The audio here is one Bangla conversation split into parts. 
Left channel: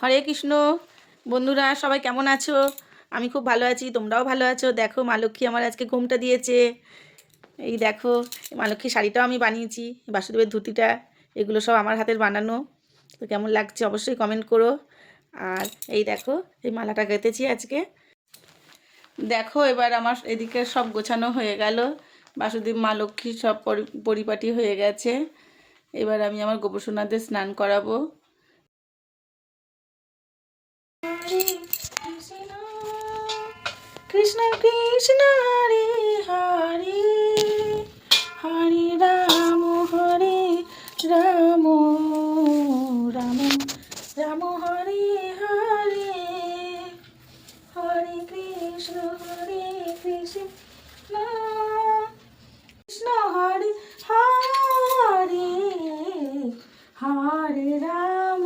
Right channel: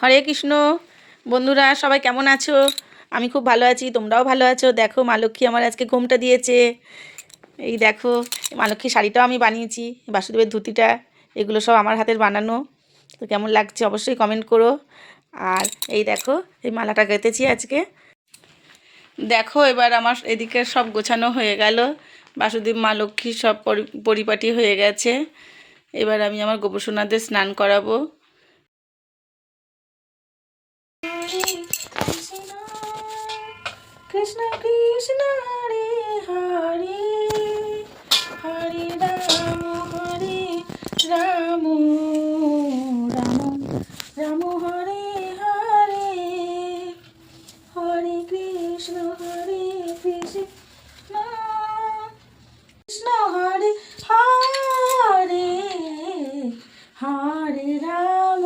হরে কৃষ্ণ। বন্ধুরা সবাই কেমন আছো? আমি খুব ভালো আছি, তোমরাও ভালো আছো। দেখো মা লক্ষ্মী আমার আজকে ঘুমটা দিয়েছে। এই দেখো, মা লক্ষ্মী শাড়িটাও আমি বানিয়েছি, বাসুদেবের ধুতিটা, এগুলো সব আমার হাতের বানানো। তো কেমন লাগছে অবশ্যই কমেন্ট করো। আর এই দেখো, এই মালাটা গেঁথেছি আজকে। দেখো এবার আমার এদিকে সব গোছানো হয়ে গেল, বাসুদেব মা লক্ষ্মী সব পরিপাটি হয়ে গেছে। এবার আমি আমার গোপসোনাদের স্নান করাবো। কৃষ্ণ কৃষ্ণ হরে হরে, হরে রাম রাম রাম হরে হরে, হরে কৃষ্ণ কৃষ্ণ হরে হরে, হরে রাম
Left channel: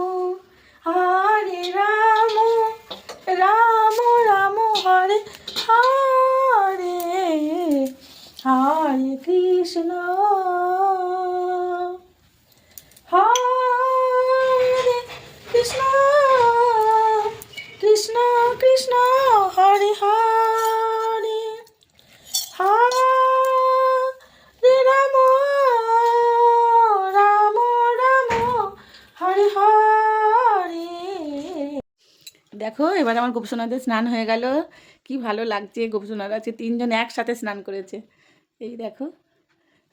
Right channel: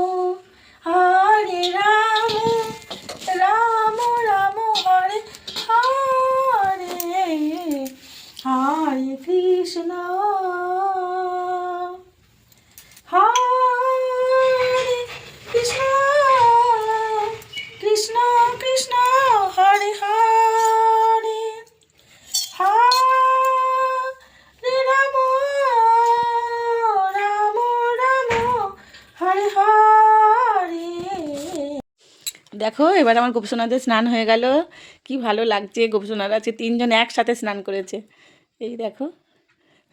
রাম রাম হরে হরে, হরে কৃষ্ণ কৃষ্ণ কৃষ্ণ হরে হরে, হরে রাম রাম হরে হরে। দেখো এবার আমার গোপসোনাদের স্নান হয়ে গেল, কি ভালো লাগছে। গোপসোনারা আছে তিনজন একসাথে স্নান করেছে, এই দেখো।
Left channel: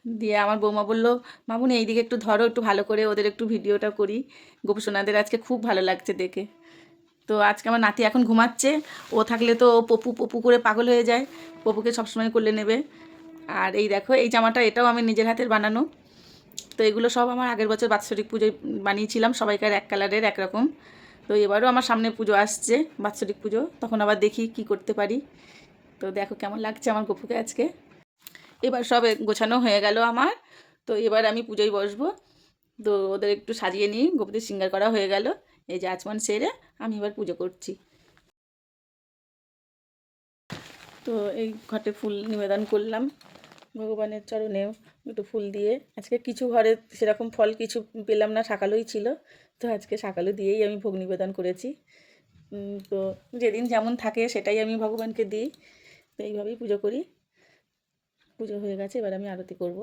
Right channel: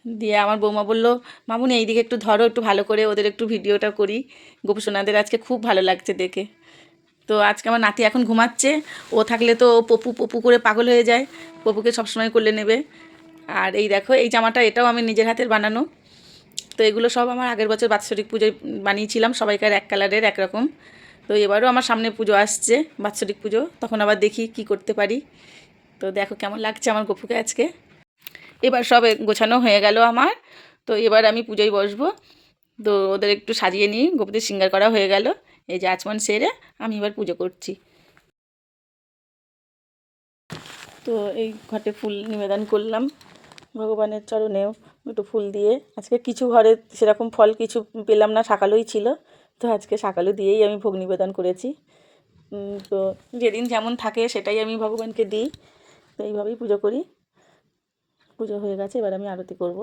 দিয়ে আমার বৌমা বললো, মামুনি এইদিকে একটু ধরো, একটু ভালো করে ওদের একটু ভিডিওটা করি। গোপসোনাদের আজকে খুব ভালো লাগছে দেখে। তো আজকে আমার নাতি এখন ঘুমাচ্ছে, ও থাকলে তো ও পপু পপু করে পাগল হয়ে যায়, পপুকে সবসময় করলে নেবে। আর এই দেখো, এই জামাটা এটাও আমি নিজের হাতের বানানো। তো এগুলো সব আমার আগের বছর বাৎসরিক পুজোয় বানিয়েছিলাম, সবাইকার এক কালারের একরকম। তো এবারও আমার সামনে পুজো আসছে, বাৎসরিক পুজো, তখন আবার দেখি কি করতে পারি। তো দেখো কেমন লাগছে আমার গপুকে আজকে। এবার সব গোছানো হয়ে গেল আমার। তো এবার আমি পুজোয় বসবো। তো ওদের একটু সাজিয়ে নিই, গোপুদের সিঙ্গার করা হয়ে গেল। এই যে আচমন সেরে আমি এবার পুজো করছি। তো এই ঘটে ফুল নিবেদন করলাম ভগবানের চরণেও, একটু ফুল দিয়ে। আজকে কিছু ঘরে সেরকম ফল কিছু পেলাম না, সকালেই ছিল, তো আজকে সকালে দিয়েই আমি ভোগ নিবেদন করেছি। তো যেদিন যেমন থাকে সেটাই আমি ভগবানকে দিই। তো এইভাবেই পুজো করি। পুজো হয়ে গেছে, এবার আমি আরতি করব।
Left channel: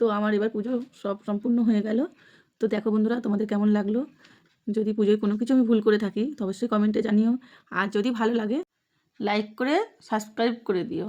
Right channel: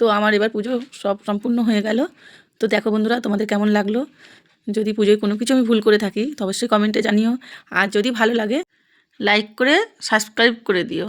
তো আমার এবার পুজো সব সম্পূর্ণ হয়ে গেল। তো দেখো বন্ধুরা, তোমাদের কেমন লাগলো? যদি পুজোয় কোনো কিছু আমি ভুল করে থাকি তো অবশ্যই কমেন্টে জানিও। আর যদি ভালো লাগে লাইক করে সাবস্ক্রাইব করে দিও।